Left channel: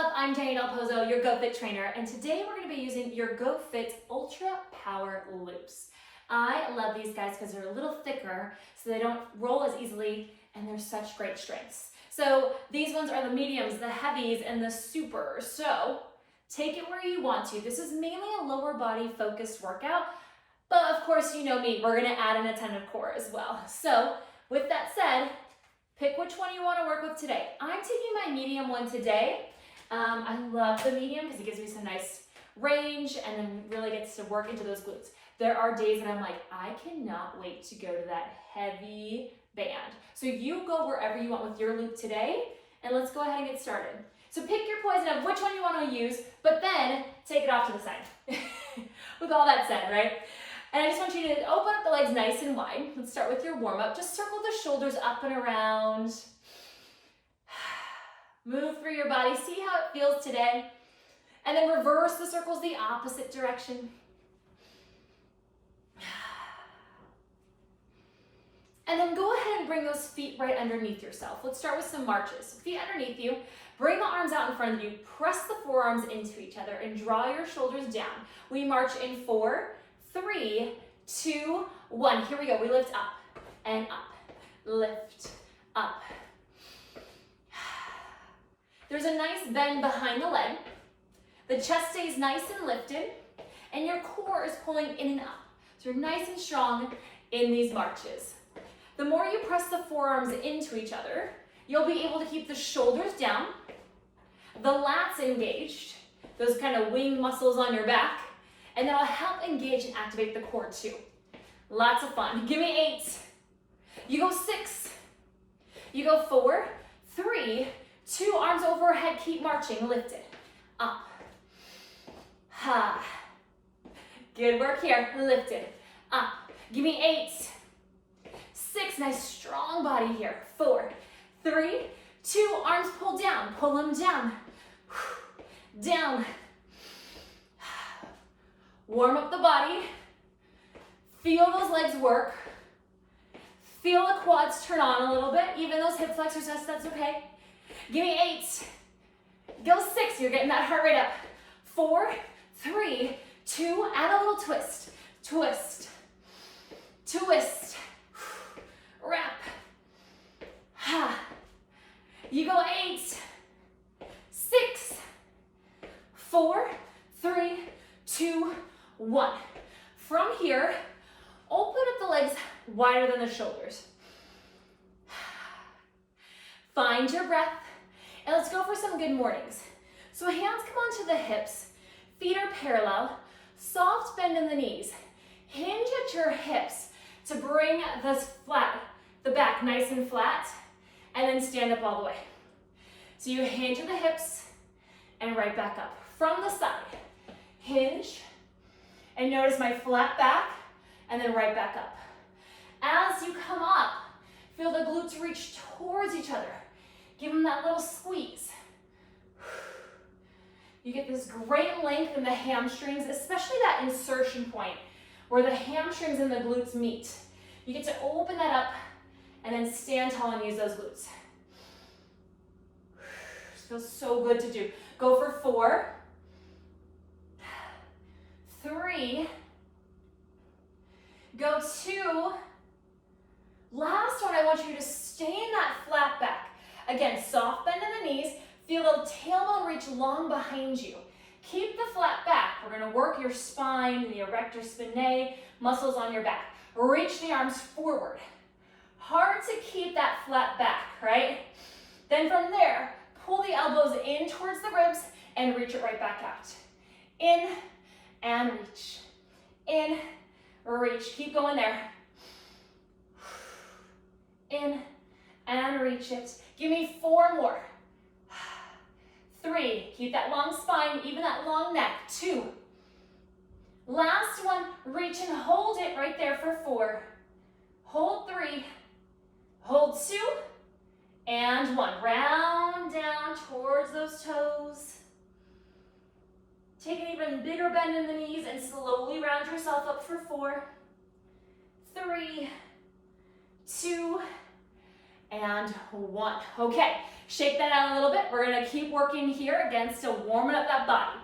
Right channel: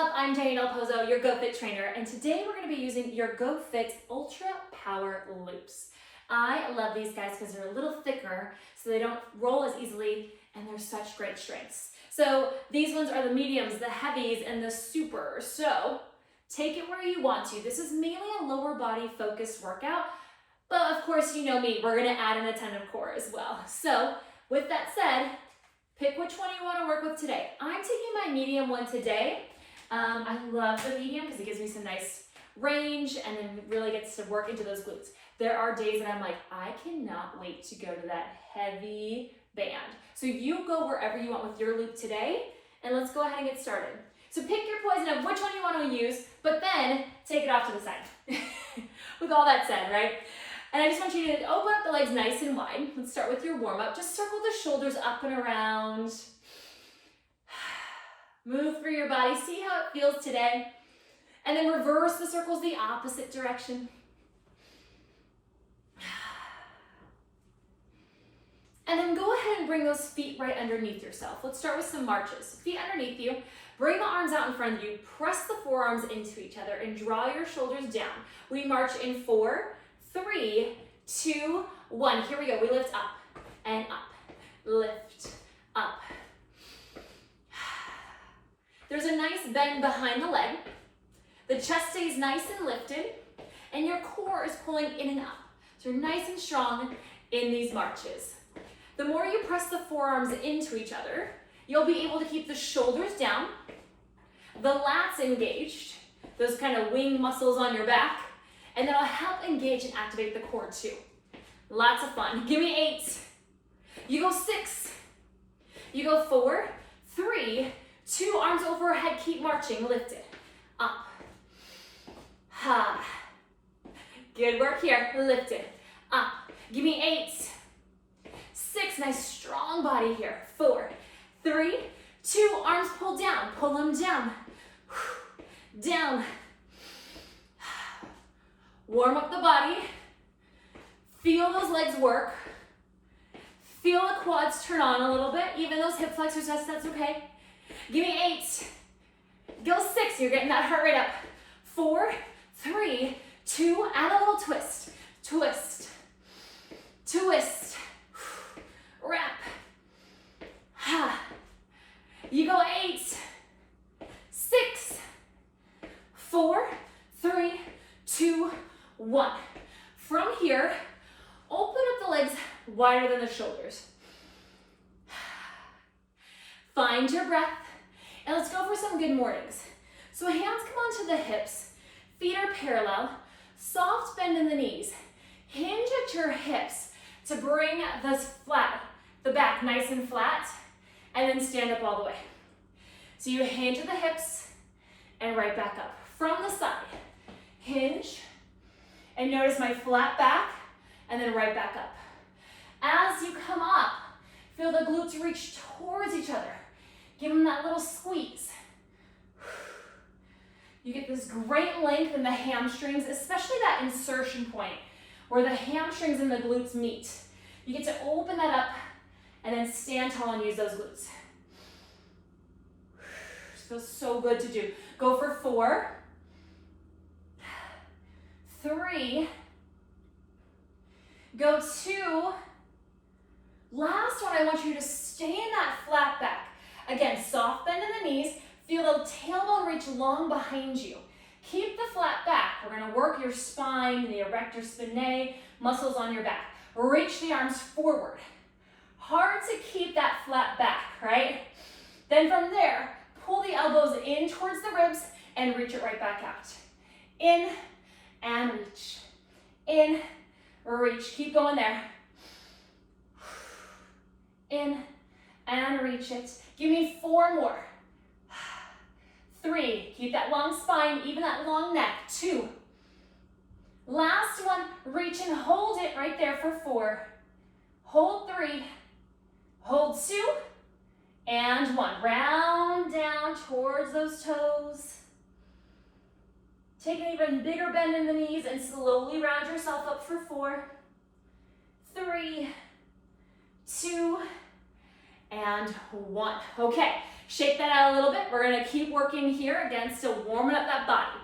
up? I'm Jeni DelPozo, your GoFit trainer, and today we're going to be using your GoFit Ultra Power Loops. I love these guys because they're a little thicker, so they don't roll as easily, and they're such great strengths. So these ones are the mediums, the heavies, and the supers. So take it where you want to. This is mainly a lower body focused workout, but of course, you know me, we're going to add an attentive core as well. So with that said, pick which one you want to work with today. I'm taking my medium one today. I love the medium because it gives me some nice range and then really gets to work into those glutes. There are days that I'm like, I cannot wait to go to that heavy band. So you go wherever you want with your loop today, and let's go ahead and get started. So pick your poison of which one you want to use, but then take it off to the side. With all that said, right? And I just want you to open up the legs nice and wide. Let's start with your warm-up. Just circle the shoulders up and around. Move through your body. See how it feels today. And then reverse the circles the opposite direction. And then go ahead and bring those feet right underneath yourself. Let's start with some marches. Feet underneath you. Bring the arms out in front of you. Press the forearms into each other and draw your shoulders down. We march in 4, 3, 2, 1. Here we go. We lift up and up. Lift up. There's a nice bend behind the leg. The chest stays nice and lifted, and your core is pulling in and up. So you're nice and strong in these marches. The more you press the forearms into each other, you'll be able to keep the shoulders down, the lats engaged, those kind of wing muscles on your back, and that'll help engage and activate the core too. Lots of fun. Give me 8. You go 6. You go 4, 3, 2, arms overhead, keep marching, lift it, up. Ha. Good work here, lift it, up. Give me 8. 6, nice strong body here. 4, 3, 2, arms pull down, pull them down. Down. Warm up the body. Feel those legs work. Feel the quads turn on a little bit. Even those hip flexors, that's okay. Give me 8. Go 6, you're getting that heart rate up. 4, 3, 2, add a little twist. Twist. Twist. Wrap. Ha. You go 8, 6, 4, 3, 2, 1. From here, open up the legs wider than the shoulders. Find your breath, and let's go for some good mornings. So hands come onto the hips, feet are parallel, soft bend in the knees. Hinge at your hips to bring the back nice and flat, and then stand up all the way. So you hinge at the hips and right back up. From the side, hinge, and notice my flat back, and then right back up. As you come up, feel the glutes reach towards each other. Give them that little squeeze. You get this great length in the hamstrings, especially that insertion point where the hamstrings and the glutes meet. You get to open that up and then stand tall and use those glutes. Feels so good to do. Go for 4, 3, go 2. Last one, I want you to stay in that flat back. Again, soft bend in the knees. Feel the tailbone reach long behind you. Keep the flat back. We're going to work your spine and the erector spinae muscles on your back. Reach the arms forward. Hard to keep that flat back, right? Then from there, pull the elbows in towards the ribs and reach it right back out. In and reach. In, reach. Keep going there. In and reach it. Give me 4 more. 3, keep that long spine, even that long neck. 2. Last one, reach and hold it right there for 4. Hold 3, hold 2, and 1. Round down towards those toes. Take an even bigger bend in the knees and slowly round yourself up for 4, 3, 2, and 1. Okay, Shake that out a little bit. We're gonna keep working here, again, still warming up that body.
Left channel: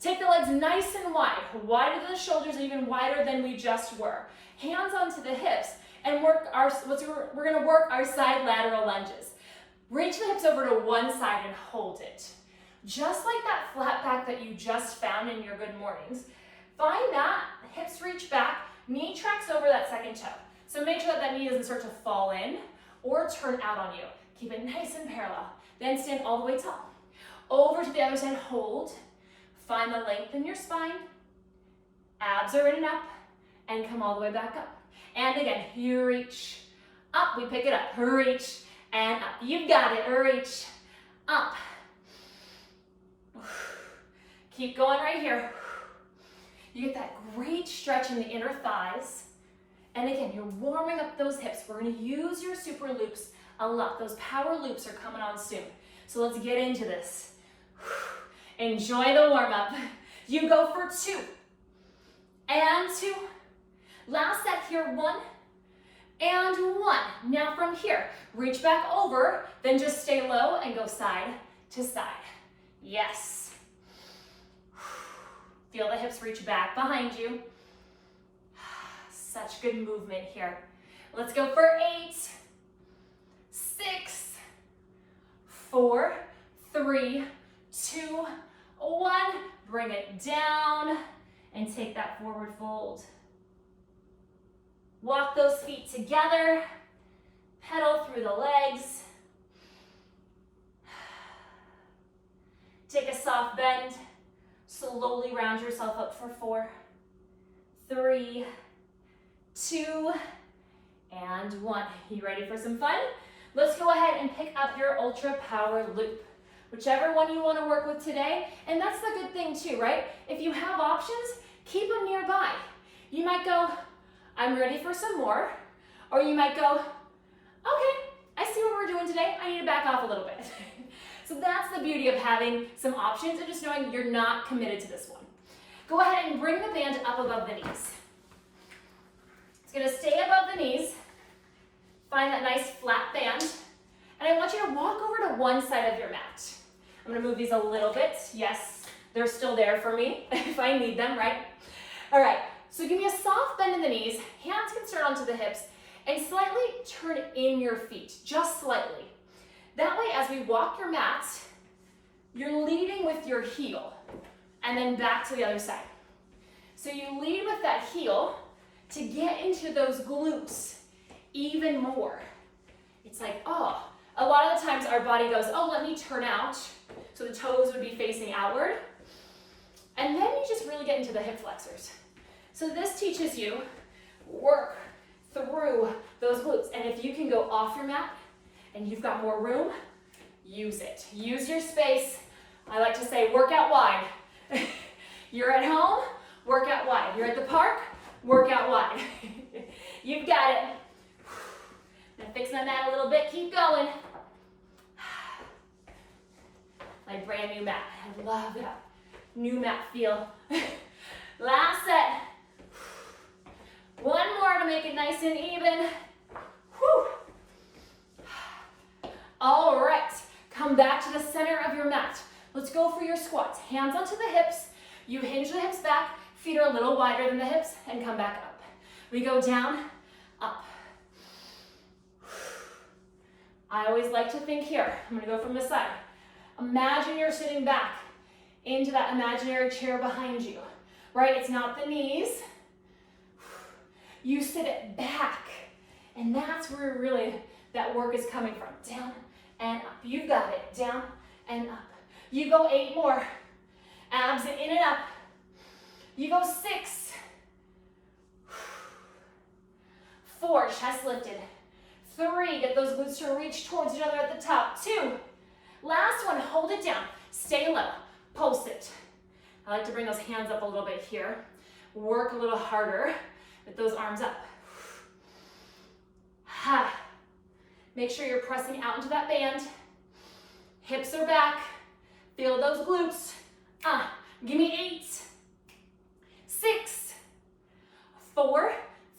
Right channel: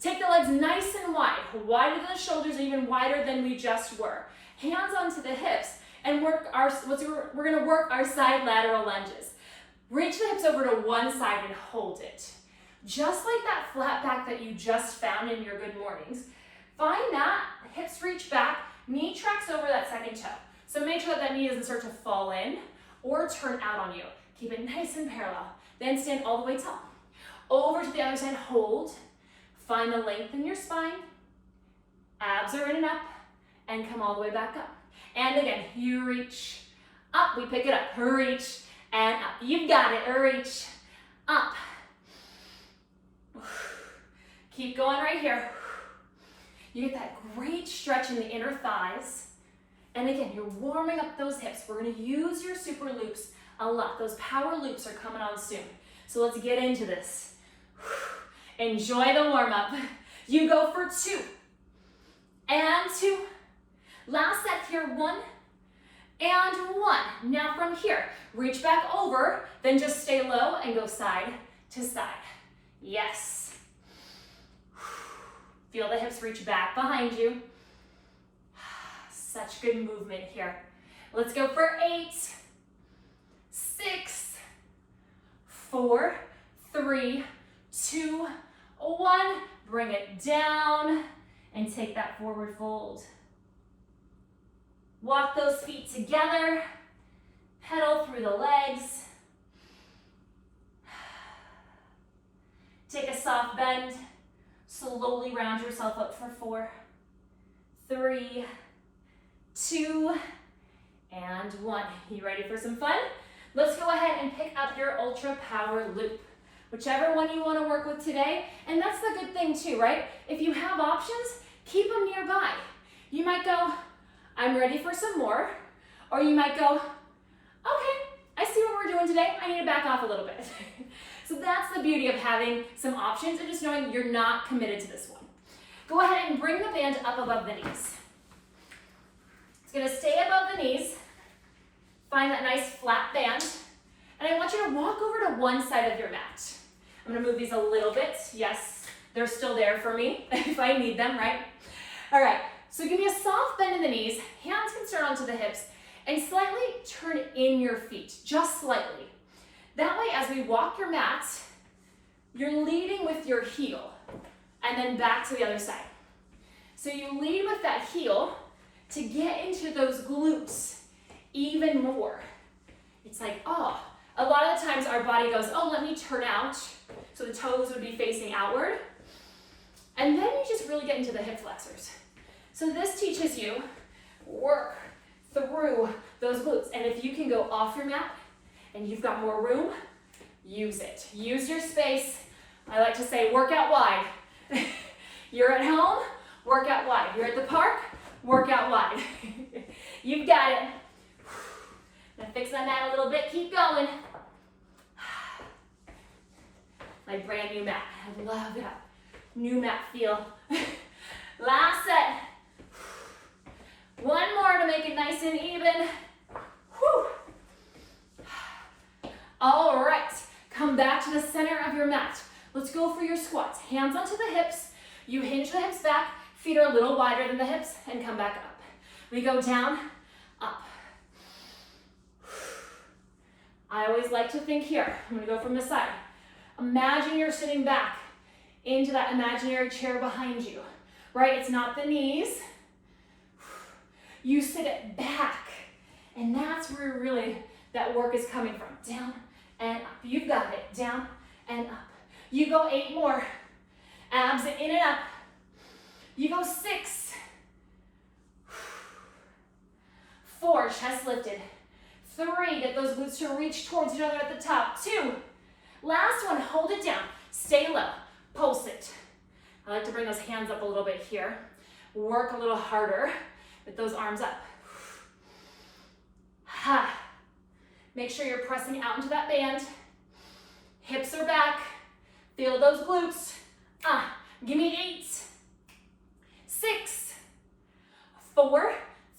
Take the legs nice and wide, wider than the shoulders, even wider than we just were. Hands onto the hips, and we're gonna work our side lateral lunges. Reach the hips over to one side and hold it. Just like that flat back that you just found in your good mornings. Find that, hips reach back, knee tracks over that second toe. So make sure that knee doesn't start to fall in or turn out on you. Keep it nice and parallel. Then stand all the way tall. Over to the other side, hold. Find the length in your spine. Abs are in and up, and come all the way back up. And again, you reach up, we pick it up, reach, and up. You've got it, reach, up. Keep going right here. You get that great stretch in the inner thighs. And again, you're warming up those hips. We're gonna use your super loops a lot. Those power loops are coming on soon. So let's get into this. Enjoy the warm up. You go for 2 and 2. Last set here, 1 and 1. Now from here, reach back over, then just stay low and go side to side. Yes. Feel the hips reach back behind you. Such good movement here. Let's go for 8, 6, 4, 3, 2, 1. Bring it down and take that forward fold. Walk those feet together. Pedal through the legs. Take a soft bend. Slowly round yourself up for 4, 3, 2, and 1. You ready for some fun? Let's go ahead and pick up your ultra power loop. Whichever one you want to work with today. And that's the good thing too, right? If you have options, keep them nearby. You might go, I'm ready for some more. Or you might go, okay, I see what we're doing today. I need to back off a little bit. So that's the beauty of having some options and just knowing you're not committed to this one. Go ahead and bring the band up above the knees. It's gonna stay above the knees. Find that nice flat band. And I want you to walk over to one side of your mat. I'm gonna move these a little bit. Yes, they're still there for me if I need them, right? All right, so give me a soft bend in the knees. Hands can start onto the hips and slightly turn in your feet, just slightly. That way, as we walk your mat, you're leading with your heel and then back to the other side. So you lead with that heel to get into those glutes even more. It's like, oh, a lot of the times our body goes, oh, let me turn out. So the toes would be facing outward. And then you just really get into the hip flexors. So this teaches you work through those glutes. And if you can go off your mat and you've got more room, use it. Use your space. I like to say work out wide. You're at home, work out wide. You're at the park, work out wide. You've got it. Now fix my mat a little bit, keep going. My brand new mat, I love that new mat feel. Last set. One more to make it nice and even. Whew. All right, come back to the center of your mat. Let's go for your squats. Hands onto the hips. You hinge the hips back, feet are a little wider than the hips, and come back up. We go down, up. I always like to think here. I'm gonna go from the side. Imagine you're sitting back into that imaginary chair behind you, right? It's not the knees. You sit it back, and that's where really that work is coming from. Down and up. You've got it. Down and up. You go 8 more. Abs in and up. You go 6. 4, chest lifted. 3, get those glutes to reach towards each other at the top. 2, last one, hold it down. Stay low, pulse it. I like to bring those hands up a little bit here. Work a little harder with those arms up. Ha. Make sure you're pressing out into that band. Hips are back. Feel those glutes. Give me 8, 6, 4,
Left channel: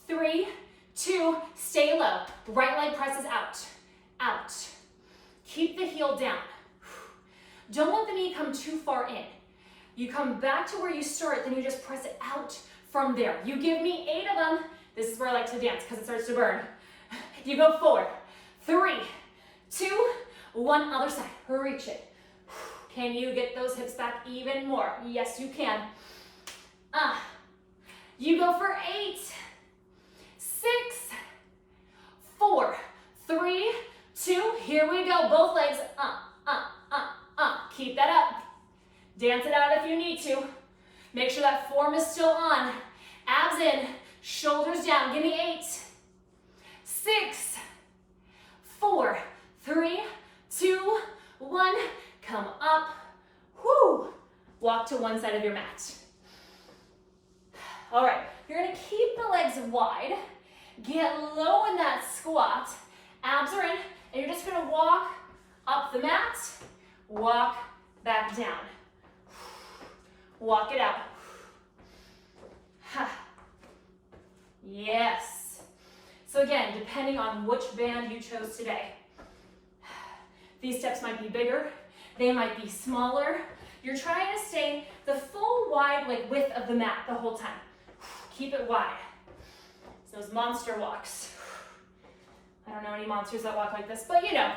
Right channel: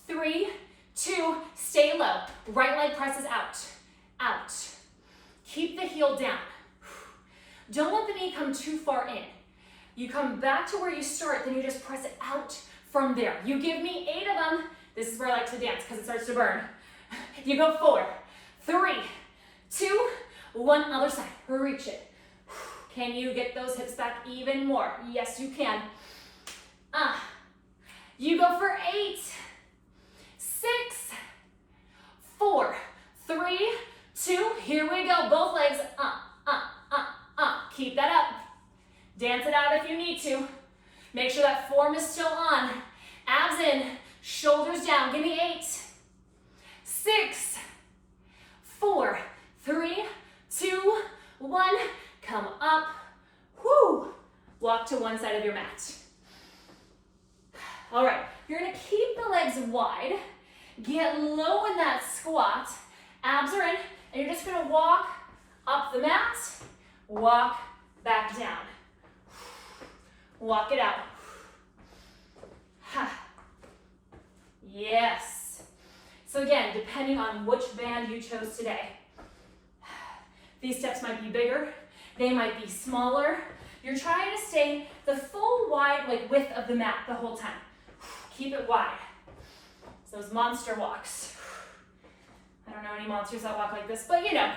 3, 2, stay low. Right leg presses out, out. Keep the heel down. Don't let the knee come too far in. You come back to where you start, then you just press it out from there. You give me 8 of them. This is where I like to dance because it starts to burn. You go 4, 3, 2, 1, other side. Reach it. Can you get those hips back even more? Yes, you can. You go for 8, 6, 4, 3, 2, here we go. Both legs, Keep that up. Dance it out if you need to. Make sure that form is still on. Abs in, shoulders down. Give me 8, 6, 4, 3, 2, 1. Come up. Whoo. Walk to one side of your mat. All right, you're gonna keep the legs wide. Get low in that squat. Abs are in, and you're just gonna walk up the mat, walk back down. Walk it out. Yes. So again, depending on which band you chose today, these steps might be bigger, they might be smaller. You're trying to stay the full wide width of the mat the whole time. Keep it wide. It's those monster walks. I don't know any monsters that walk like this, but you know.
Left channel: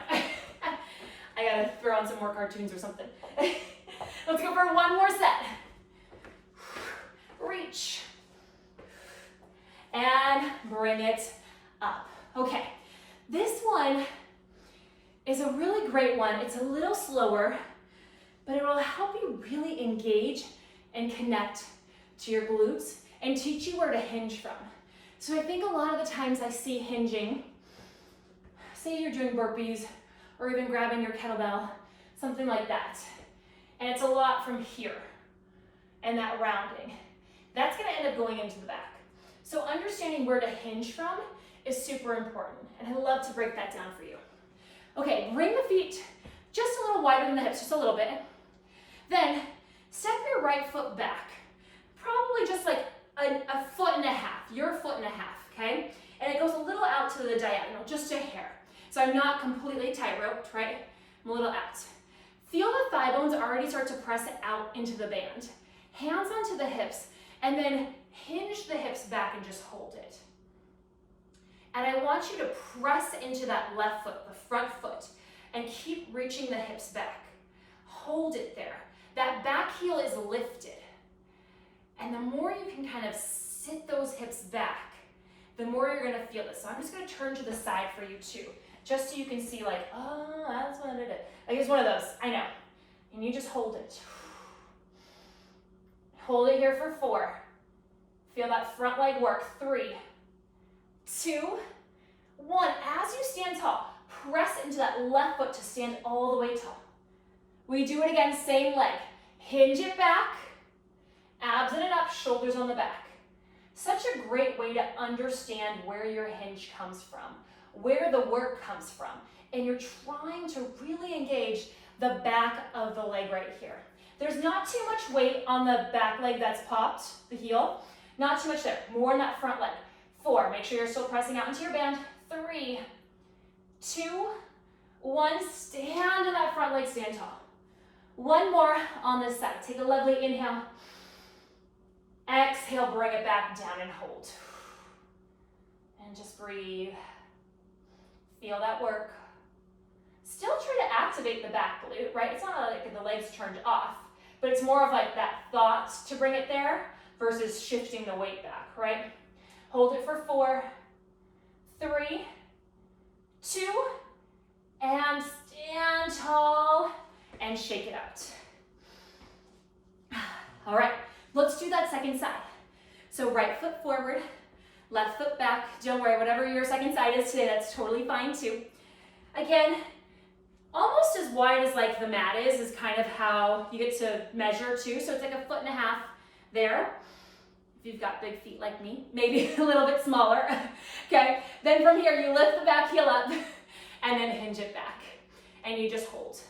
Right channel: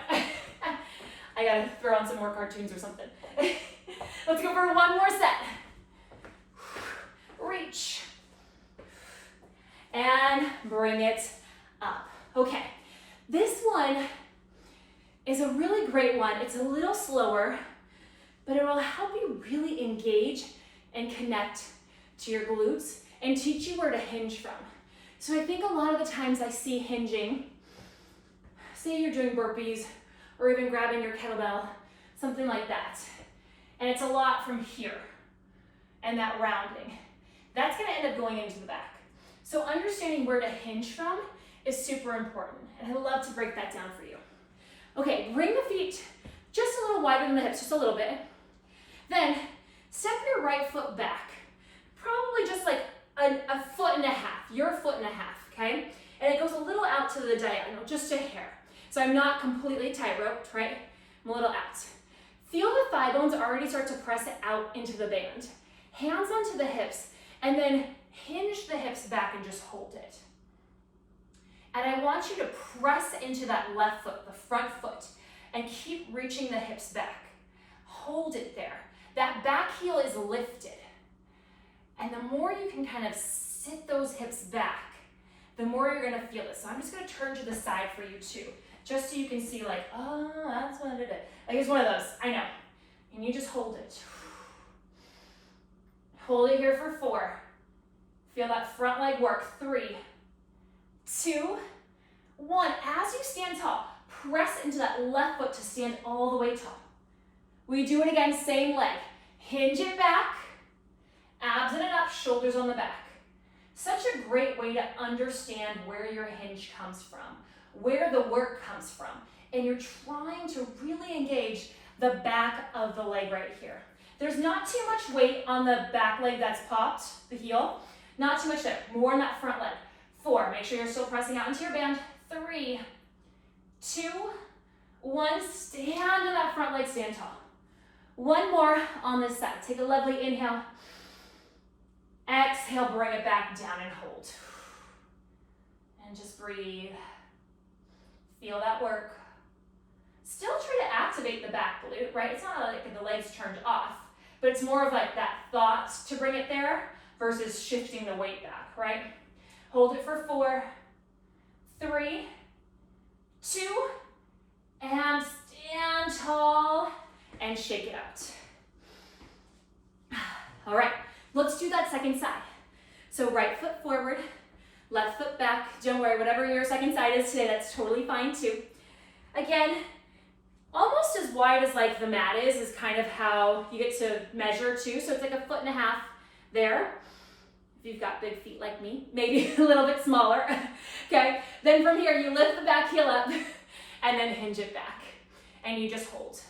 I gotta throw on some more cartoons or something. Let's go for one more set. Reach. And bring it up. Okay, this one is a really great one. It's a little slower, but it will help you really engage and connect to your glutes and teach you where to hinge from. So I think a lot of the times I see hinging, say you're doing burpees or even grabbing your kettlebell, something like that. And it's a lot from here and that rounding. That's gonna end up going into the back. So understanding where to hinge from is super important. And I'd love to break that down for you. Okay, bring the feet just a little wider than the hips, just a little bit. Then step your right foot back, probably just like a foot and a half, your foot and a half, okay? And it goes a little out to the diagonal, just a hair. So I'm not completely tight-roped, right? I'm a little out. Feel the thigh bones already start to press it out into the band. Hands onto the hips, and then hinge the hips back and just hold it. And I want you to press into that left foot, the front foot, and keep reaching the hips back. Hold it there. That back heel is lifted. And the more you can kind of sit those hips back, the more you're gonna feel this. So I'm just gonna turn to the side for you too, just so you can see like, oh, that's what I did it. Like it's one of those, I know. And you just hold it. Hold it here for 4. Feel that front leg work. 3, 2, 1. As you stand tall, press into that left foot to stand all the way tall. We do it again, same leg. Hinge it back, abs in and up, shoulders on the back. Such a great way to understand where your hinge comes from, where the work comes from. And you're trying to really engage the back of the leg right here. There's not too much weight on the back leg that's popped, the heel. Not too much there, more in that front leg. 4, make sure you're still pressing out into your band. 3, 2, 1, stand in that front leg, stand tall. One more on this side. Take a lovely inhale. Exhale, bring it back down and hold. And just breathe. Feel that work. Still try to activate the back glute, right? It's not like the legs turned off, but it's more of like that thought to bring it there versus shifting the weight back, right? Hold it for 4, 3, 2, and stand tall and shake it out. All right, let's do that second side. So right foot forward, left foot back. Don't worry, whatever your second side is today, that's totally fine too. Again, almost as wide as like the mat is kind of how you get to measure too. So it's like a foot and a half there. If you've got big feet like me, maybe a little bit smaller. Okay, then from here you lift the back heel up and then hinge it back and you just hold.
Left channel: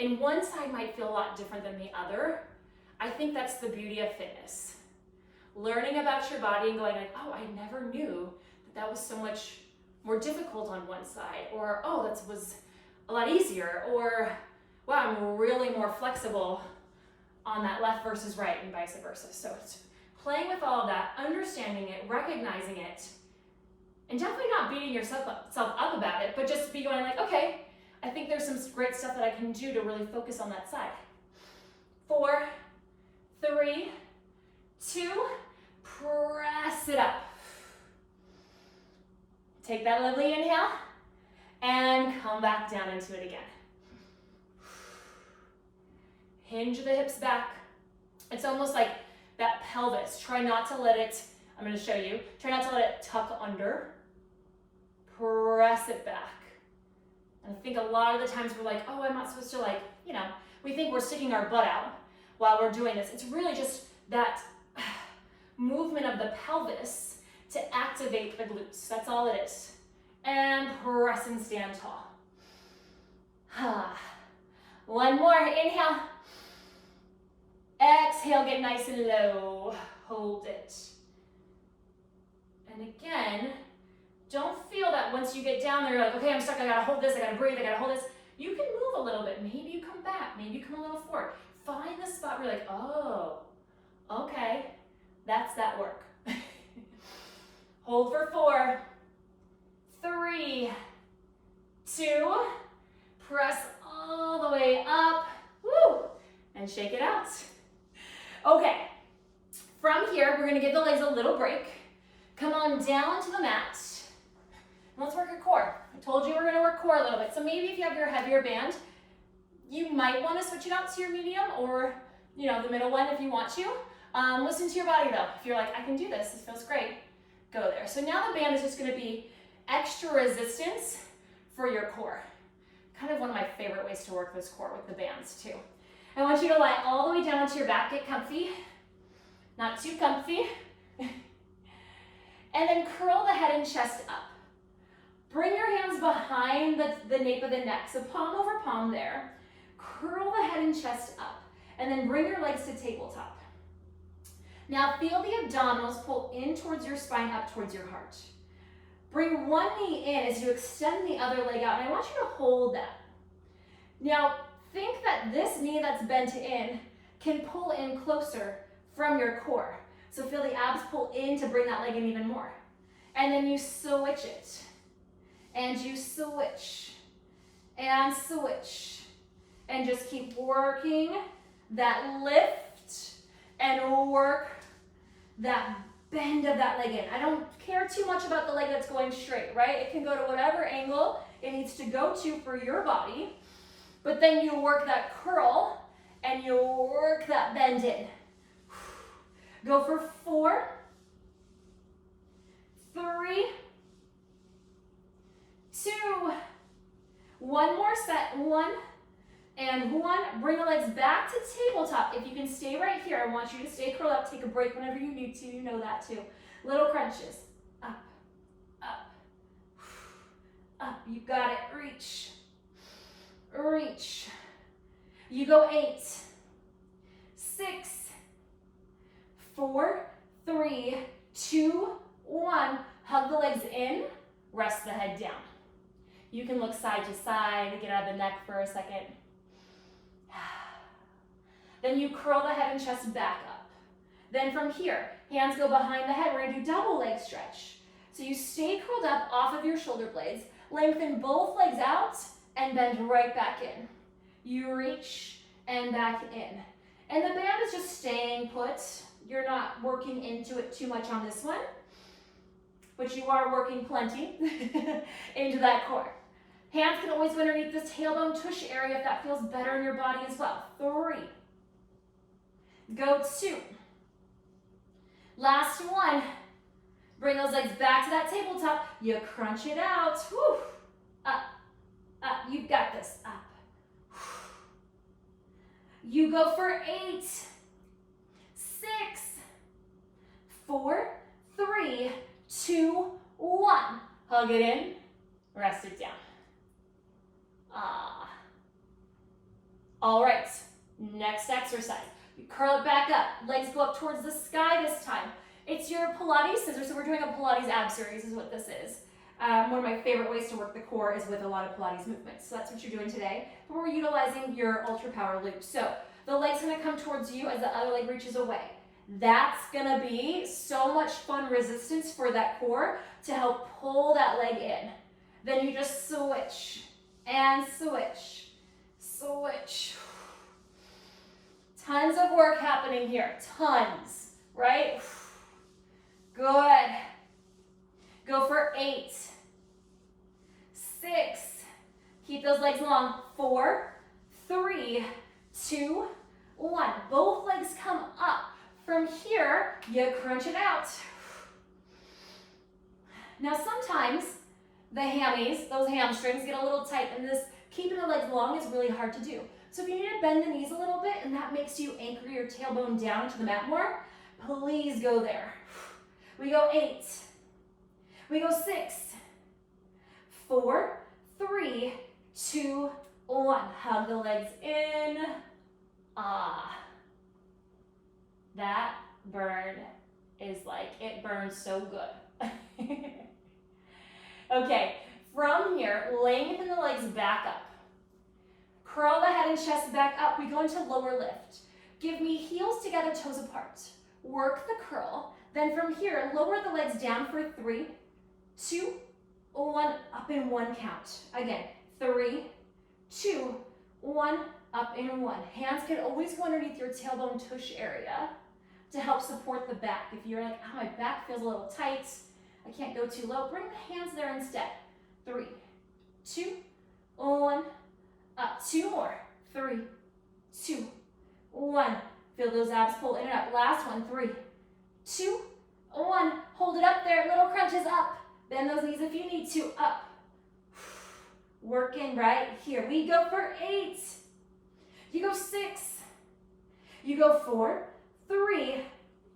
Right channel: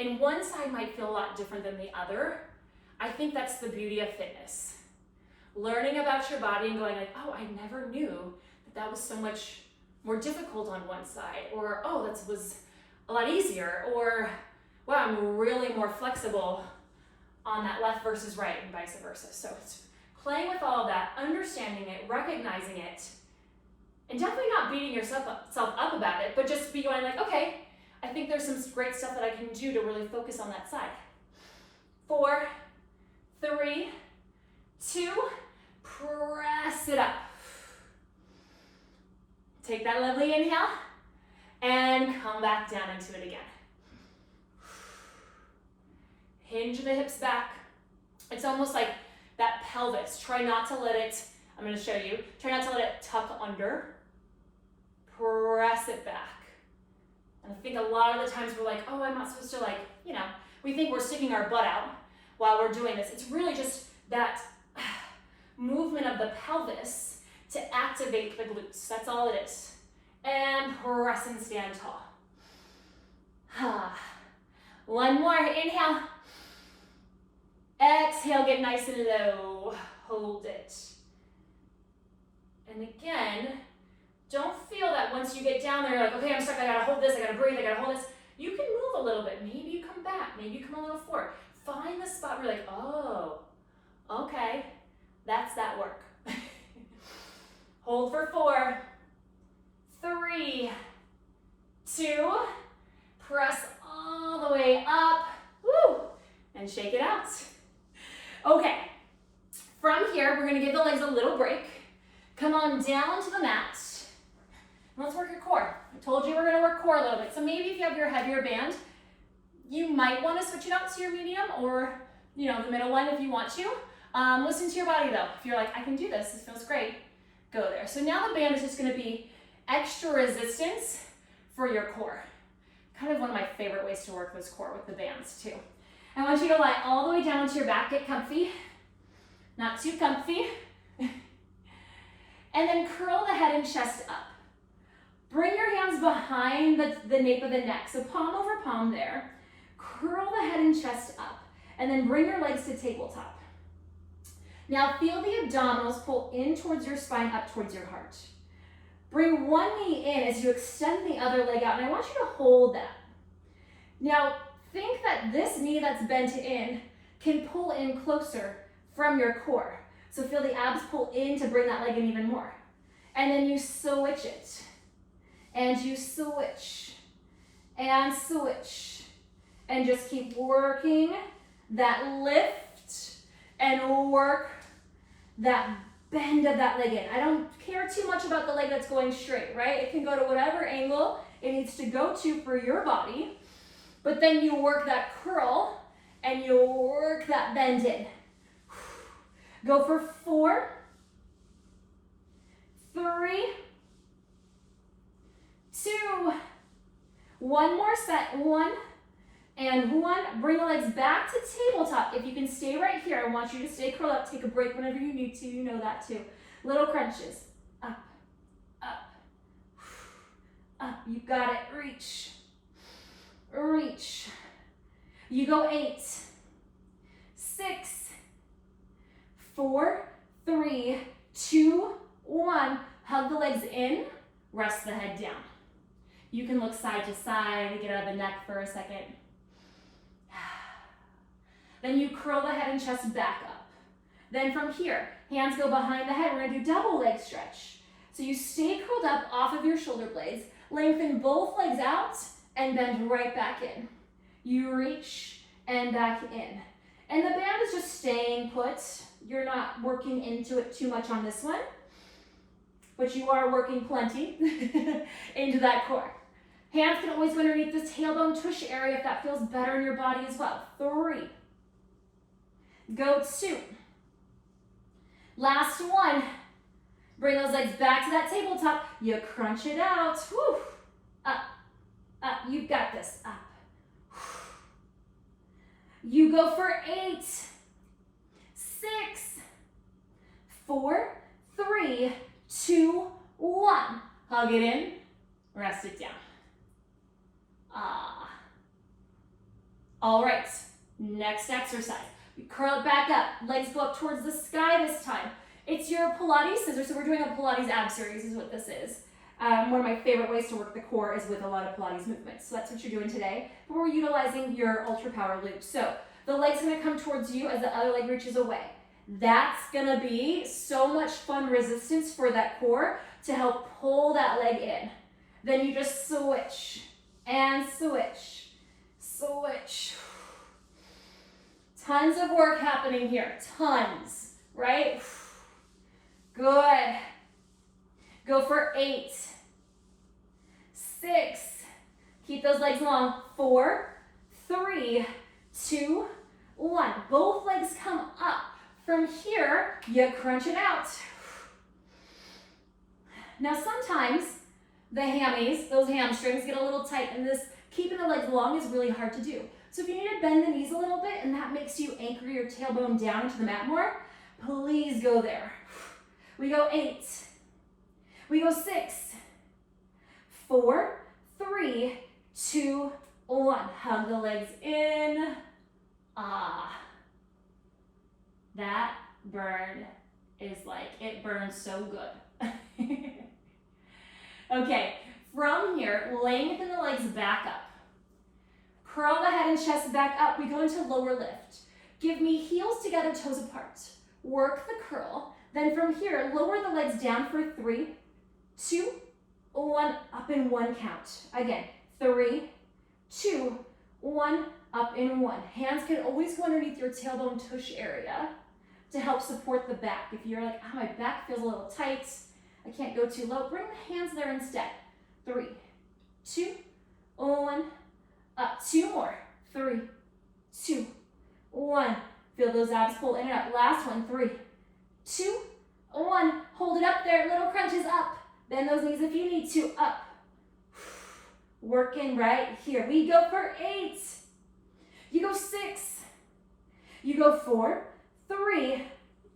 And one side might feel a lot different than the other. I think that's the beauty of fitness. Learning about your body and going like, oh, I never knew that was so much more difficult on one side, or oh, that was a lot easier, or wow, I'm really more flexible on that left versus right and vice versa. So it's playing with all of that, understanding it, recognizing it, and definitely not beating yourself up about it, but just be going like, okay, I think there's some great stuff that I can do to really focus on that side. 4, 3, 2, press it up. Take that lovely inhale and come back down into it again. Hinge the hips back. It's almost like that pelvis. Try not to let it, I'm going to show you, try not to let it tuck under. Press it back. And I think a lot of the times we're like, oh, I'm not supposed to like, you know, we think we're sticking our butt out while we're doing this. It's really just that movement of the pelvis to activate the glutes. That's all it is. And press and stand tall. One more, inhale. Exhale, get nice and low. Hold it. And again, don't feel that once you get down there, you're like, okay, I'm stuck, I gotta hold this, I gotta breathe, I gotta hold this. You can move a little bit. Maybe you come back, maybe you come a little forward. Find the spot where you're like, oh, okay, that's that work. Hold for 4, 3, 2, press all the way up, woo, and shake it out. Okay, from here, we're gonna give the legs a little break. Come on down to the mat. Let's work your core. I told you we're gonna work core a little bit. So maybe if you have your heavier band, you might wanna switch it out to your medium or the middle one if you want to. Listen to your body though. If you're like, I can do this, this feels great, go there. So now the band is just gonna be extra resistance for your core. Kind of one of my favorite ways to work this core with the bands too. I want you to lie all the way down onto your back, get comfy, not too comfy. And then curl the head and chest up. Bring your hands behind the nape of the neck. So palm over palm there. Curl the head and chest up. And then bring your legs to tabletop. Now feel the abdominals pull in towards your spine, up towards your heart. Bring one knee in as you extend the other leg out. And I want you to hold that. Now think that this knee that's bent in can pull in closer from your core. So feel the abs pull in to bring that leg in even more. And then you switch it. And you switch. And switch. And just keep working that lift and work that bend of that leg in. I don't care too much about the leg that's going straight, right? It can go to whatever angle it needs to go to for your body. But then you work that curl and you work that bend in. Go for 4, 3, 2, one more set, 1 and 1. Bring the legs back to tabletop. If you can stay right here, I want you to stay curled up. Take a break whenever you need to, you know that too. Little crunches, up, up, up. You got it, reach, reach. You go 8, 6, 4, 3, 2, 1. Hug the legs in, rest the head down. You can look side to side to get out of the neck for a second. Then you curl the head and chest back up. Then from here, hands go behind the head. We're gonna do double leg stretch. So you stay curled up off of your shoulder blades, lengthen both legs out, and bend right back in. You reach and back in. And the band is just staying put. You're not working into it too much on this one, but you are working plenty into that core. Hands can always go underneath this tailbone tush area if that feels better in your body as well. 3. Go 2. Last 1. Bring those legs back to that tabletop. You crunch it out. Whew. Up, up. You've got this. Up. You go for 8, 6, 4, 3, 2, 1. Hug it in, rest it down. All right, next exercise. You curl it back up, legs go up towards the sky this time. It's your Pilates scissors, so we're doing a Pilates ab series is what this is. One of my favorite ways to work the core is with a lot of Pilates movements. So that's what you're doing today. But we're utilizing your ultra power loop. So the leg's gonna come towards you as the other leg reaches away. That's gonna be so much fun resistance for that core to help pull that leg in. Then you just switch and switch, switch. Tons of work happening here, tons, right? Good. Go for 8, 6, keep those legs long, 4, 3, 2, 1. Both legs come up. From here, you crunch it out. Now sometimes the hammies, those hamstrings get a little tight, and this keeping the legs long is really hard to do. So if you need to bend the knees a little bit and that makes you anchor your tailbone down into the mat more, please go there. We go 8. We go 6, 4, 3, 2, 1. Hug the legs in. Ah. That burn is like, it burns so good. Okay, from here, lengthen the legs back up. Curl the head and chest back up. We go into lower lift. Give me heels together, toes apart. Work the curl. Then from here, lower the legs down for 3, 2, 1, up in 1 count. Again, 3, 2, 1, up in 1. Hands can always go underneath your tailbone tush area to help support the back. If you're like, oh, my back feels a little tight, I can't go too low, bring the hands there instead. 3, 2, 1, up. 2 more. 3, 2, 1. Feel those abs pull in and up. Last one. 3, 2, 1. Hold it up there. Little crunches up. Bend those knees if you need to. Up. Working right here. We go for 8. You go 6. You go 4, 3,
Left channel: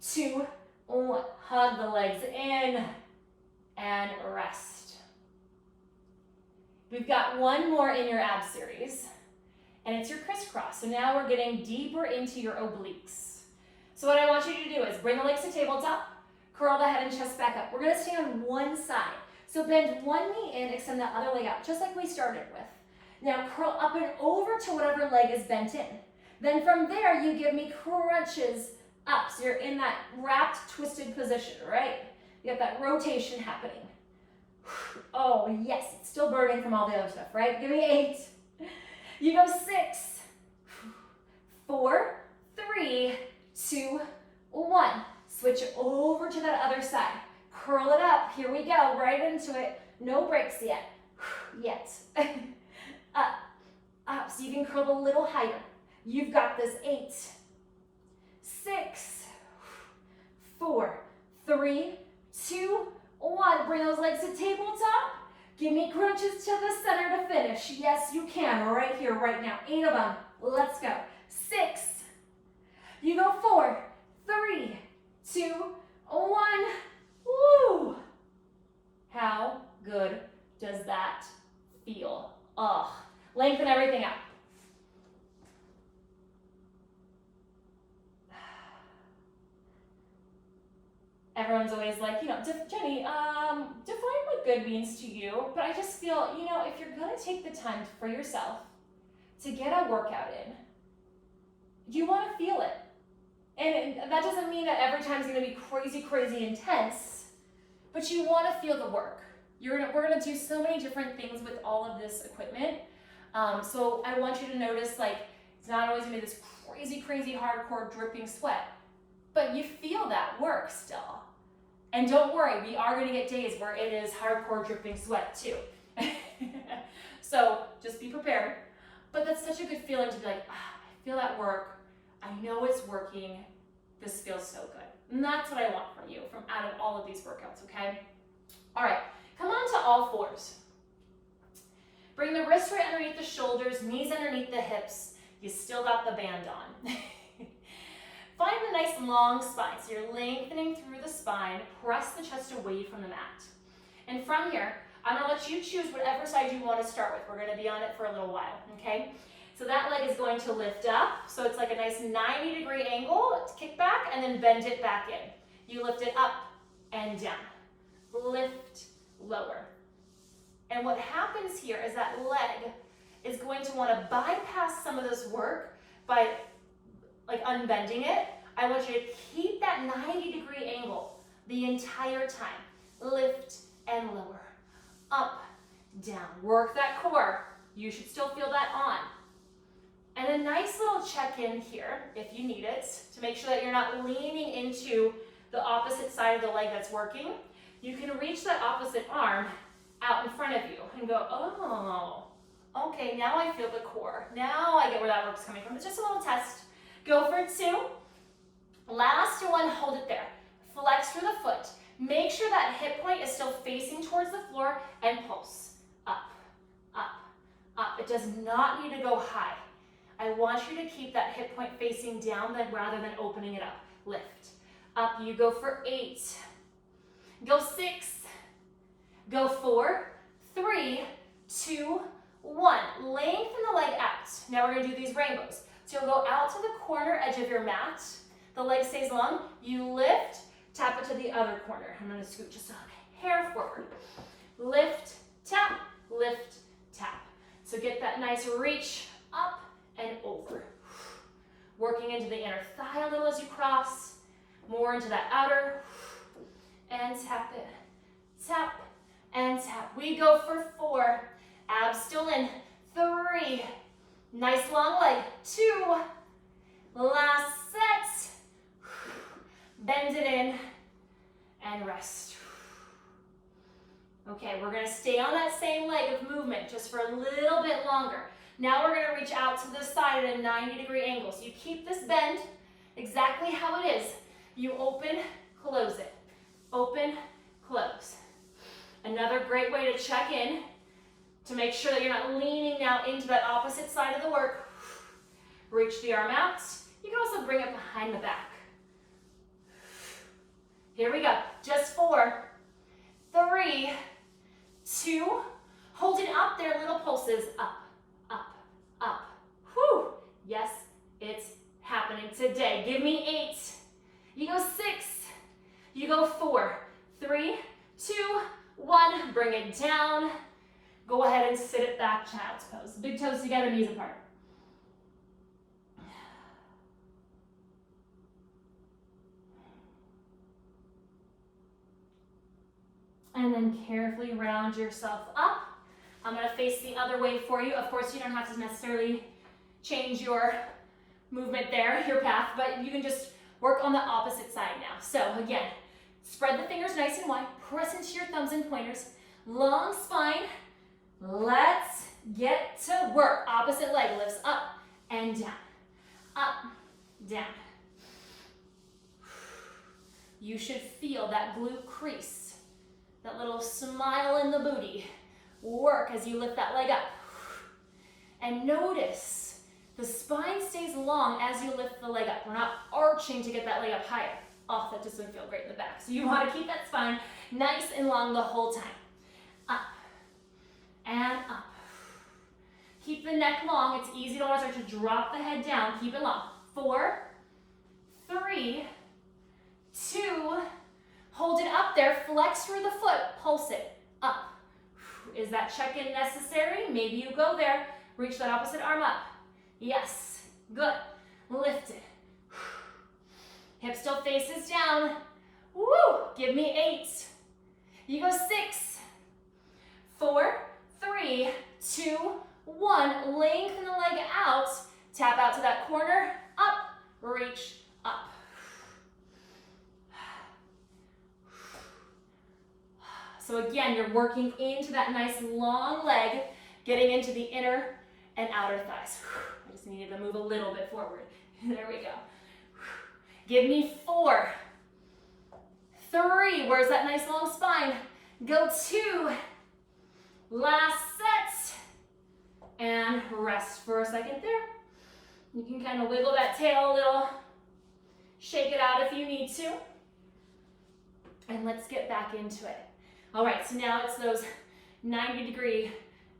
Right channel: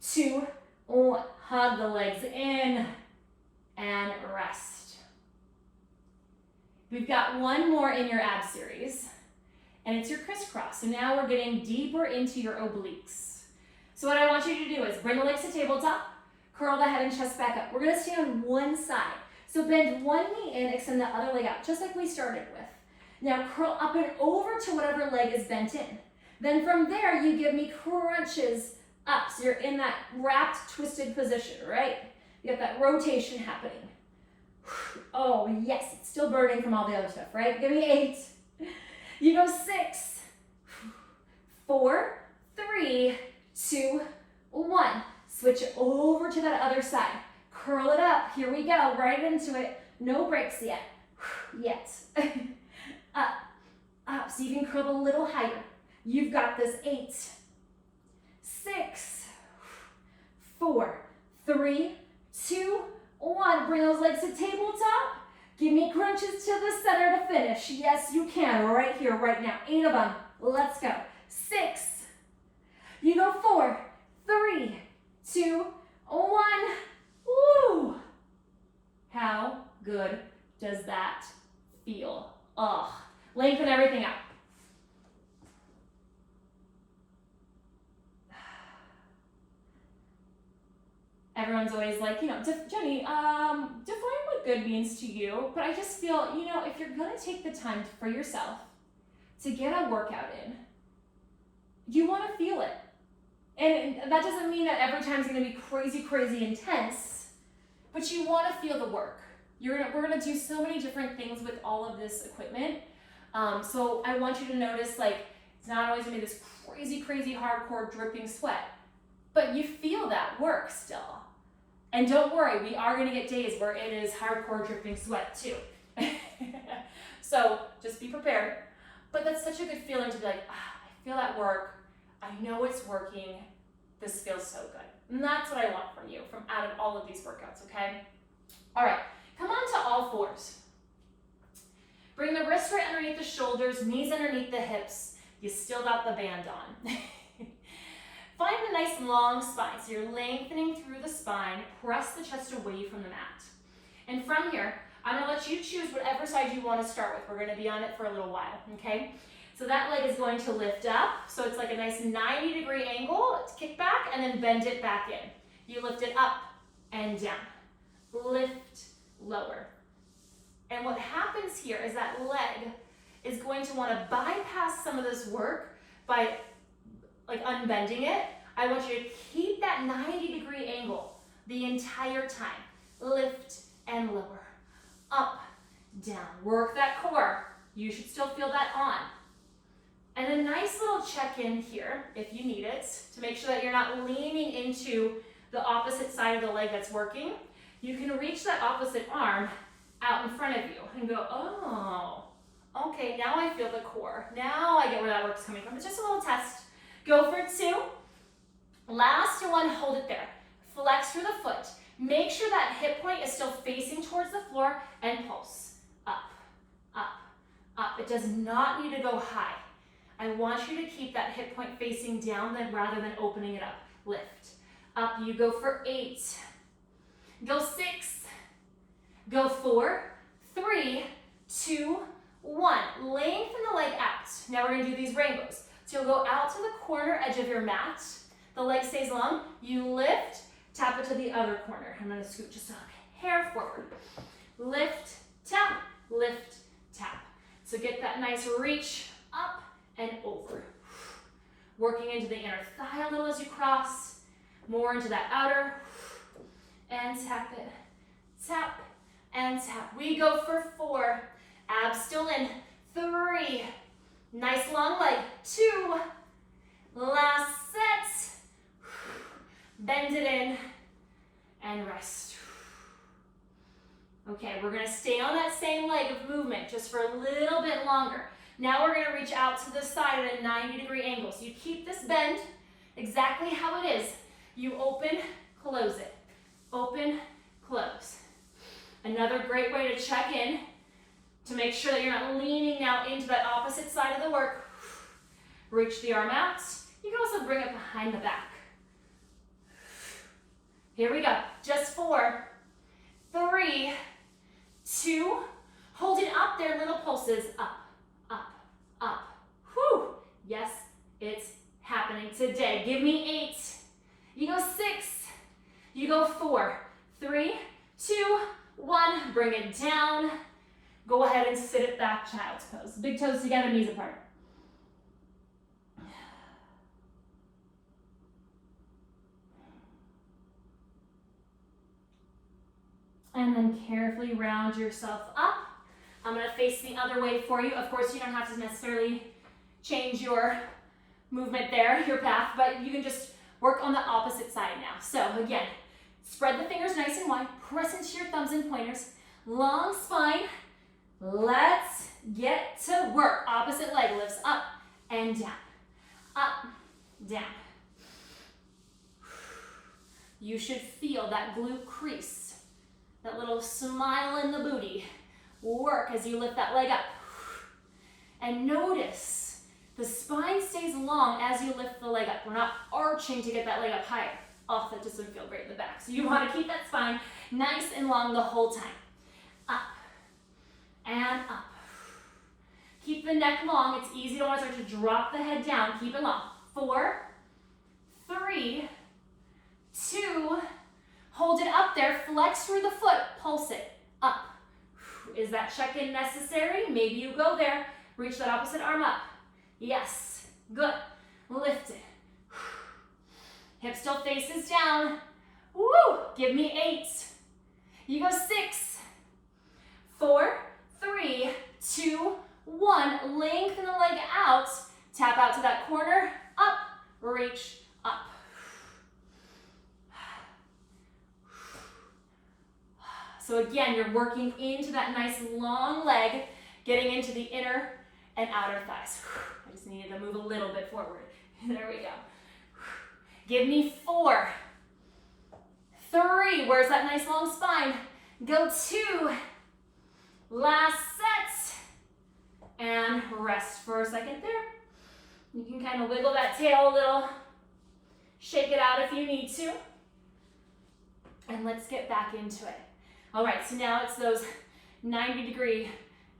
2, 1. Hug the legs in and rest. We've got one more in your ab series, and it's your crisscross. So now we're getting deeper into your obliques. So what I want you to do is bring the legs to tabletop, curl the head and chest back up. We're gonna stay on one side. So bend one knee in, extend the other leg out, just like we started with. Now curl up and over to whatever leg is bent in. Then from there, you give me crunches up. So you're in that wrapped, twisted position, right? You have that rotation happening. Oh, yes, it's still burning from all the other stuff, right? Give me 8. You go 6, 4, 3, 2, 1. Switch over to that other side. Curl it up. Here we go, right into it. No breaks yet. Yet. Up, up. So you can curl a little higher. You've got this. 8, 6, 4, 3, 2, 1. Bring those legs to tabletop. Give me crunches to the center to finish. Yes, you can. Right here, right now. 8 of them. Let's go. 6. You go 4, 3, 2, 1. Woo! How good does that feel? Ugh. Lengthen everything out. Everyone's always like, you know, Jeni, define what good means to you. But I just feel, you know, if you're going to take the time for yourself to get a workout in, you want to feel it. And that doesn't mean that every time is going to be crazy, crazy intense, but you want to feel the work. We're going to do so many different things with all of this equipment. So I want you to notice, like, it's not always going to be this crazy, crazy hardcore dripping sweat, but you feel that work still. And don't worry, we are going to get days where it is hardcore dripping sweat too. So just be prepared. But that's such a good feeling to be like, I feel that work. I know it's working. This feels so good. And that's what I want from you, from out of all of these workouts, okay? All right, come on to all fours. Bring the wrists right underneath the shoulders, knees underneath the hips. You still got the band on. Find a nice long spine. So you're lengthening through the spine. Press the chest away from the mat. And from here, I'm gonna let you choose whatever side you want to start with. We're gonna be on it for a little while, okay? So that leg is going to lift up. So it's like a nice 90-degree angle. Let's kick back and then bend it back in. You lift it up and down. Lift, lower. And what happens here is that leg is going to want to bypass some of this work by like unbending it. I want you to keep that 90-degree angle the entire time. Lift and lower, up, down. Work that core. You should still feel that on. And a nice little check-in here, if you need it, to make sure that you're not leaning into the opposite side of the leg that's working. You can reach that opposite arm out in front of you and go, oh, okay, now I feel the core. Now I get where that work's coming from. It's just a little test. Go for 2. Last one, hold it there. Flex through the foot. Make sure that hip point is still facing towards the floor and pulse. Up, up, up. It does not need to go high. I want you to keep that hip point facing down rather than opening it up. Lift. Up you go for 8. Go 6. Go 4, 3, 2, 1. Lengthen the leg out. Now we're going to do these rainbows. So you'll go out to the corner edge of your mat. The leg stays long. You lift, tap it to the other corner. I'm going to scoot just a hair forward. Lift, tap, So get that nice reach up and over. Working into the inner thigh a little as you cross. More into that outer. And tap it. Tap and tap. We go for 4. Abs still in. 3. Nice long leg. 2. Last set. Bend it in and rest. Okay, we're going to stay on that same leg of movement just for a little bit longer. Now we're going to reach out to the side at a 90-degree angle. So you keep this bend exactly how it is. You open, close it. Open, close. Another great way to check in to make sure that you're not leaning now into that opposite side of the work. Reach the arm out. You can also bring it behind the back. Here we go. Just 4, 3, 2. Hold it up there, little pulses. Up, up, up. Whew. Yes, it's happening today. Give me 8. You go 6. You go 4, 3, 2, 1. Bring it down. Go ahead and sit it back, child's pose. Big toes together, knees apart. And then carefully round yourself up. I'm going to face the other way for you. Of course, you don't have to necessarily change your movement there, your path, but you can just work on the opposite side now. So again, spread the fingers nice and wide. Press into your thumbs and pointers. Long spine. Let's get to work. Opposite leg lifts up and down. Up, down. You should feel that glute crease, that little smile in the booty work as you lift that leg up. And notice the spine stays long as you lift the leg up. We're not arching to get that leg up higher. Oh, that doesn't feel great in the back. So you want to keep that spine nice and long the whole time. Up and up. Keep the neck long. It's easy to want to start to drop the head down. Keep it long. 4, 3, 2, hold it up there. Flex through the foot. Pulse it up. Is that check-in necessary? Maybe you go there. Reach that opposite arm up. Yes. Good. Lift it. Hip still faces down. Woo! Give me 8. You go 6, 4, 3, 2, 1. Lengthen the leg out. Tap out to that corner. Up. Reach up. So again, you're working into that nice long leg, getting into the inner and outer thighs. I just needed to move a little bit forward. There we go. Give me 4, 3. Where's that nice long spine? Go 2. Last set. And rest for a second there. You can kind of wiggle that tail a little. Shake it out if you need to. And let's get back into it. All right, so now it's those 90-degree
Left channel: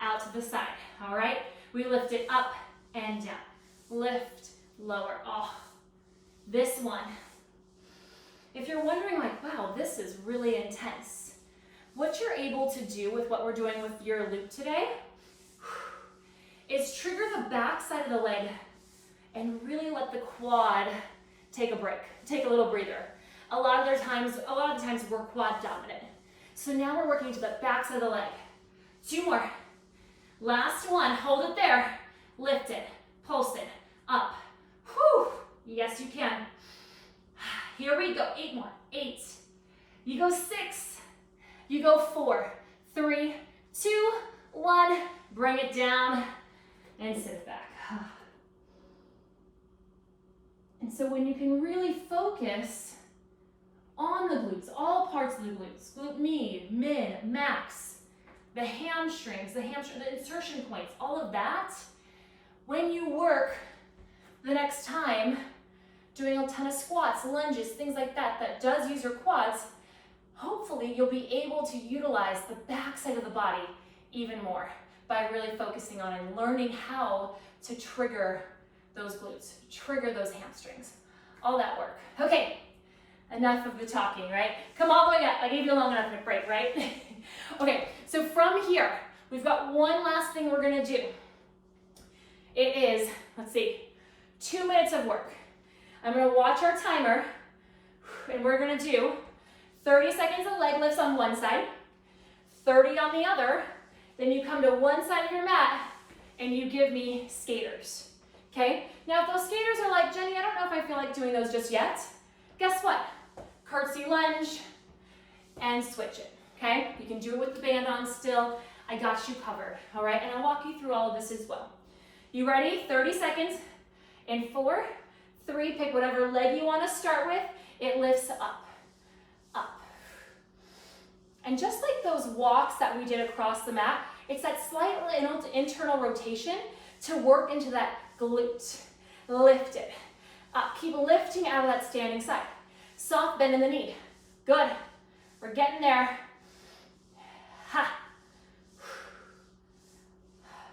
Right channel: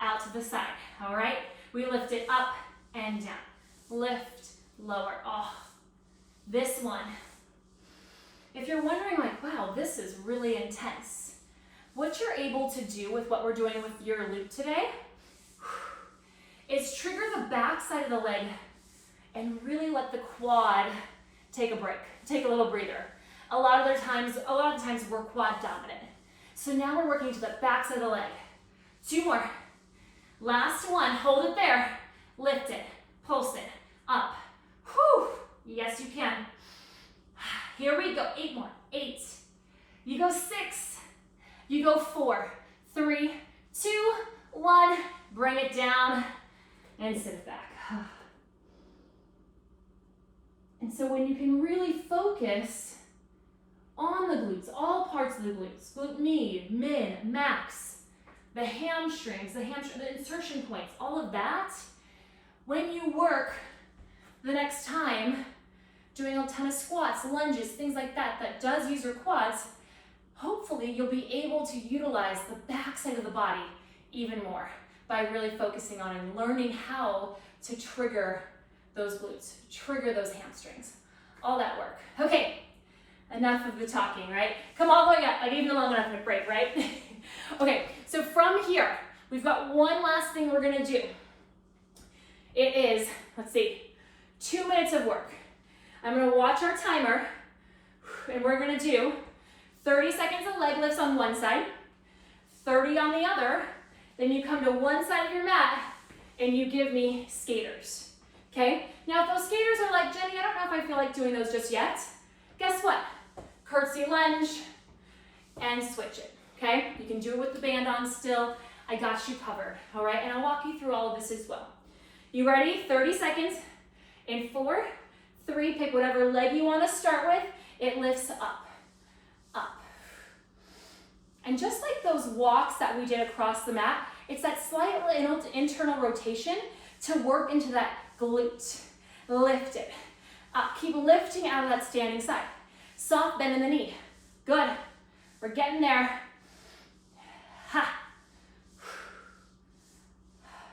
out to the side. All right, we lift it up and down. Lift, lower. Oh, this one. If you're wondering like, wow, this is really intense. what you're able to do with what we're doing with your loop today is trigger the back side of the leg and really let the quad take a break, take a little breather. A lot of the times we're quad dominant. So now we're working to the back side of the leg. 2 more. Last one, hold it there. Lift it, pulse it, up. Whew, yes you can. Here we go, 8 more, 8. You go 6, you go 4, 3, 2, 1. Bring it down and sit it back. And so when you can really focus on the glutes, all parts of the glutes, glute med, min, max, the hamstrings, the insertion points, all of that, when you work the next time doing a ton of squats, lunges, things like that, that does use your quads, hopefully you'll be able to utilize the back side of the body even more by really focusing on and learning how to trigger those glutes, trigger those hamstrings, all that work. Okay, enough of the talking, right? Come all the way up. I gave you a long enough break, right? Okay, so from here, we've got one last thing we're gonna do. It is, let's see, 2 minutes of work. I'm gonna watch our timer, and we're gonna do 30 seconds of leg lifts on one side, 30 on the other, then you come to one side of your mat, and you give me skaters, okay? Now, if those skaters are like, Jenny, I don't know if I feel like doing those just yet, guess what? Curtsy lunge, and switch it, okay? You can do it with the band on still. I got you covered, all right? And I'll walk you through all of this as well. You ready? 30 seconds. In 4, 3, pick whatever leg you want to start with. It lifts up, up. And just like those walks that we did across the mat, it's that slight internal rotation to work into that glute. Lift it up. Keep lifting out of that standing side. Soft bend in the knee. Good. We're getting there. Ha.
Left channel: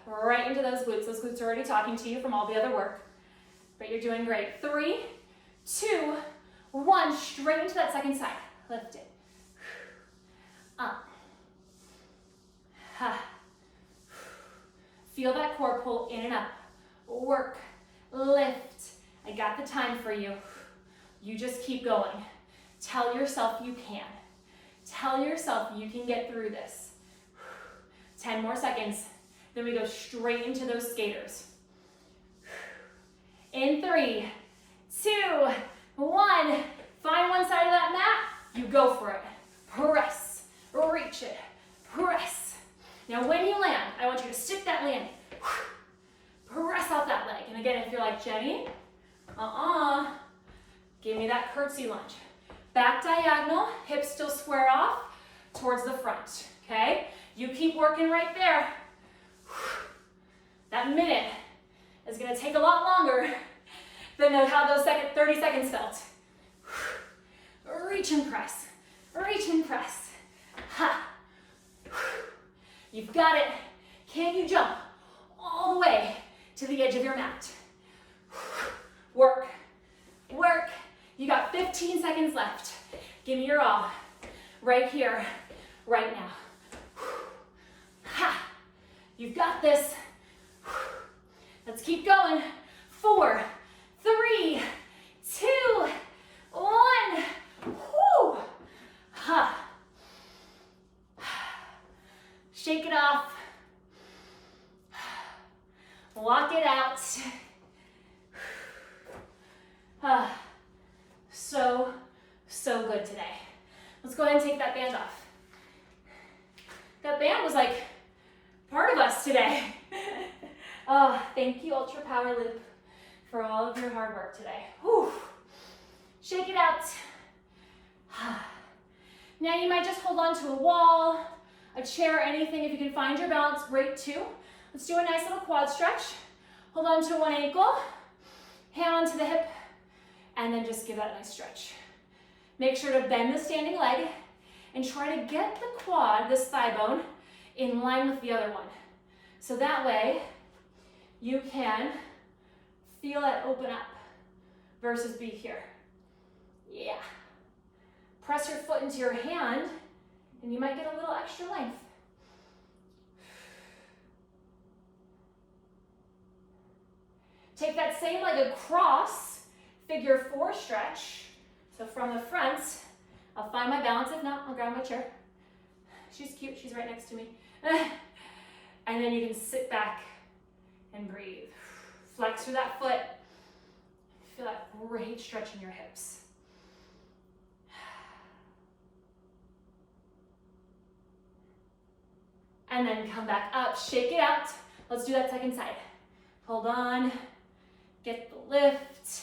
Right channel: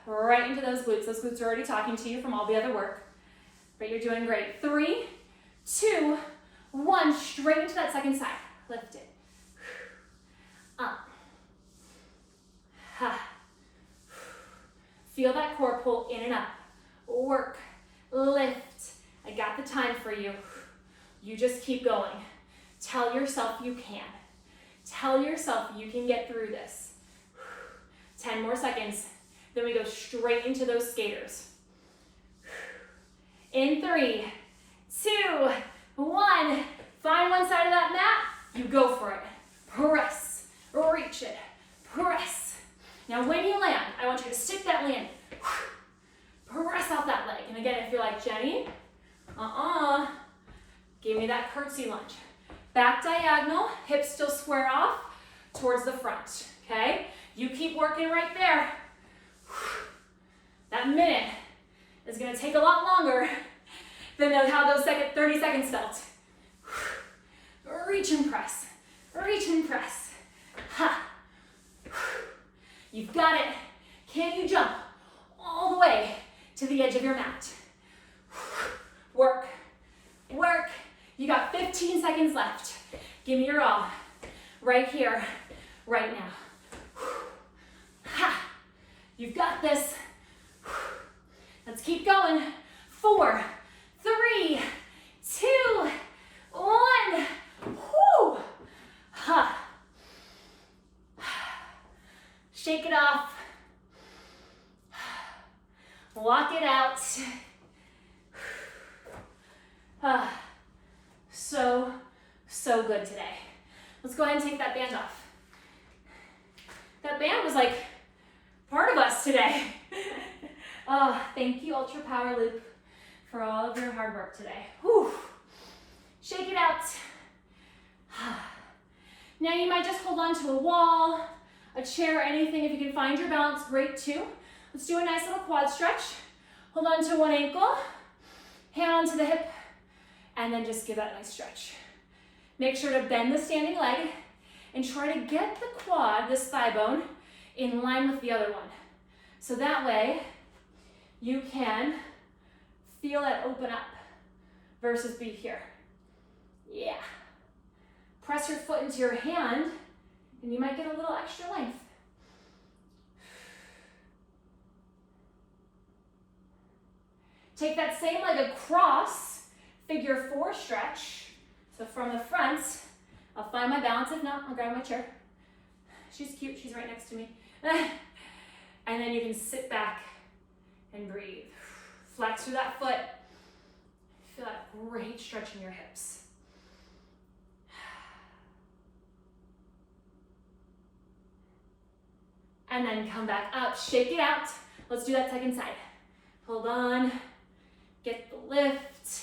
Right into those glutes. Those glutes are already talking to you from all the other work, but you're doing great. 3, 2, 1. Straight into that second side. Lift it. Up. Ha. Feel that core pull in and up. Work. Lift. I got the time for you. You just keep going. Tell yourself you can. Tell yourself you can get through this. 10 more seconds. Then we go straight into those skaters. In 3, 2, 1. Find one side of that mat. You go for it. Press. Reach it. Press. Now when you land, I want you to stick that land. Press out that leg. And again, if you're like, Jenny, give me that curtsy lunge. Back diagonal, hips still square off towards the front, okay? You keep working right there. That minute is gonna take a lot longer than how those 30 seconds felt. Reach and press, reach and press. Ha. You've got it. Can you jump all the way to the edge of your mat? Work, work. You got 15 seconds left. Give me your all. Right here, right now. Ha! You've got this. Let's keep going. 4, 3, 2, 1. Whoo! Ha! Shake it off. Walk it out. So good today. Let's go ahead and take that band off. That band was like part of us today. Thank you, Ultra Power Loop, for all of your hard work today. Whew. Shake it out. Now you might just hold on to a wall, a chair, anything. If you can find your balance, great too. Let's do a nice little quad stretch. Hold on to one ankle, hand onto the hip, and then just give that a nice stretch. Make sure to bend the standing leg and try to get the quad, this thigh bone, in line with the other one. So that way you can feel that open up versus be here. Yeah. Press your foot into your hand And you might get a little extra length. Take that same leg across, figure 4 stretch. So from the front, I'll find my balance. If not, I'll grab my chair. She's cute, she's right next to me. And then you can sit back and breathe. Flex through that foot. Feel that great stretch in your hips. And then come back up, shake it out. Let's do that second side. Hold on, get the lift.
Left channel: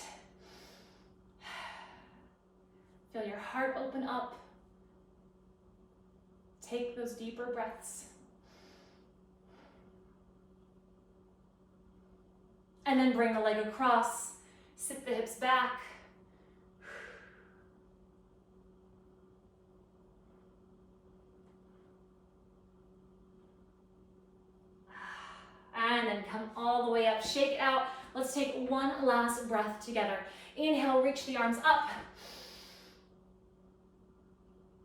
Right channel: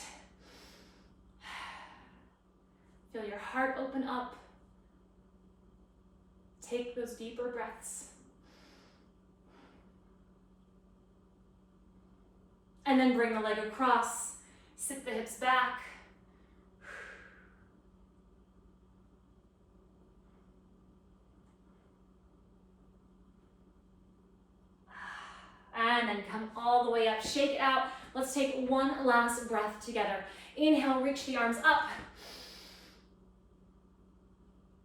Feel your heart open up. Take those deeper breaths. And then bring the leg across, sit the hips back. And then come all the way up, shake it out. Let's take one last breath together. Inhale, reach the arms up.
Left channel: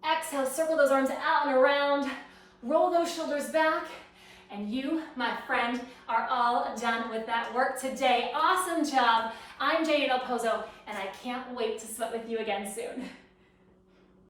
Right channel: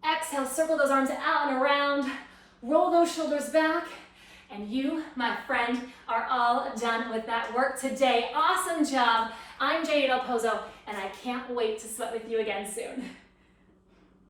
Exhale, circle those arms out and around. Roll those shoulders back. And you, my friend, are all done with that work today. Awesome job. I'm Jeni DelPozo, and I can't wait to sweat with you again soon.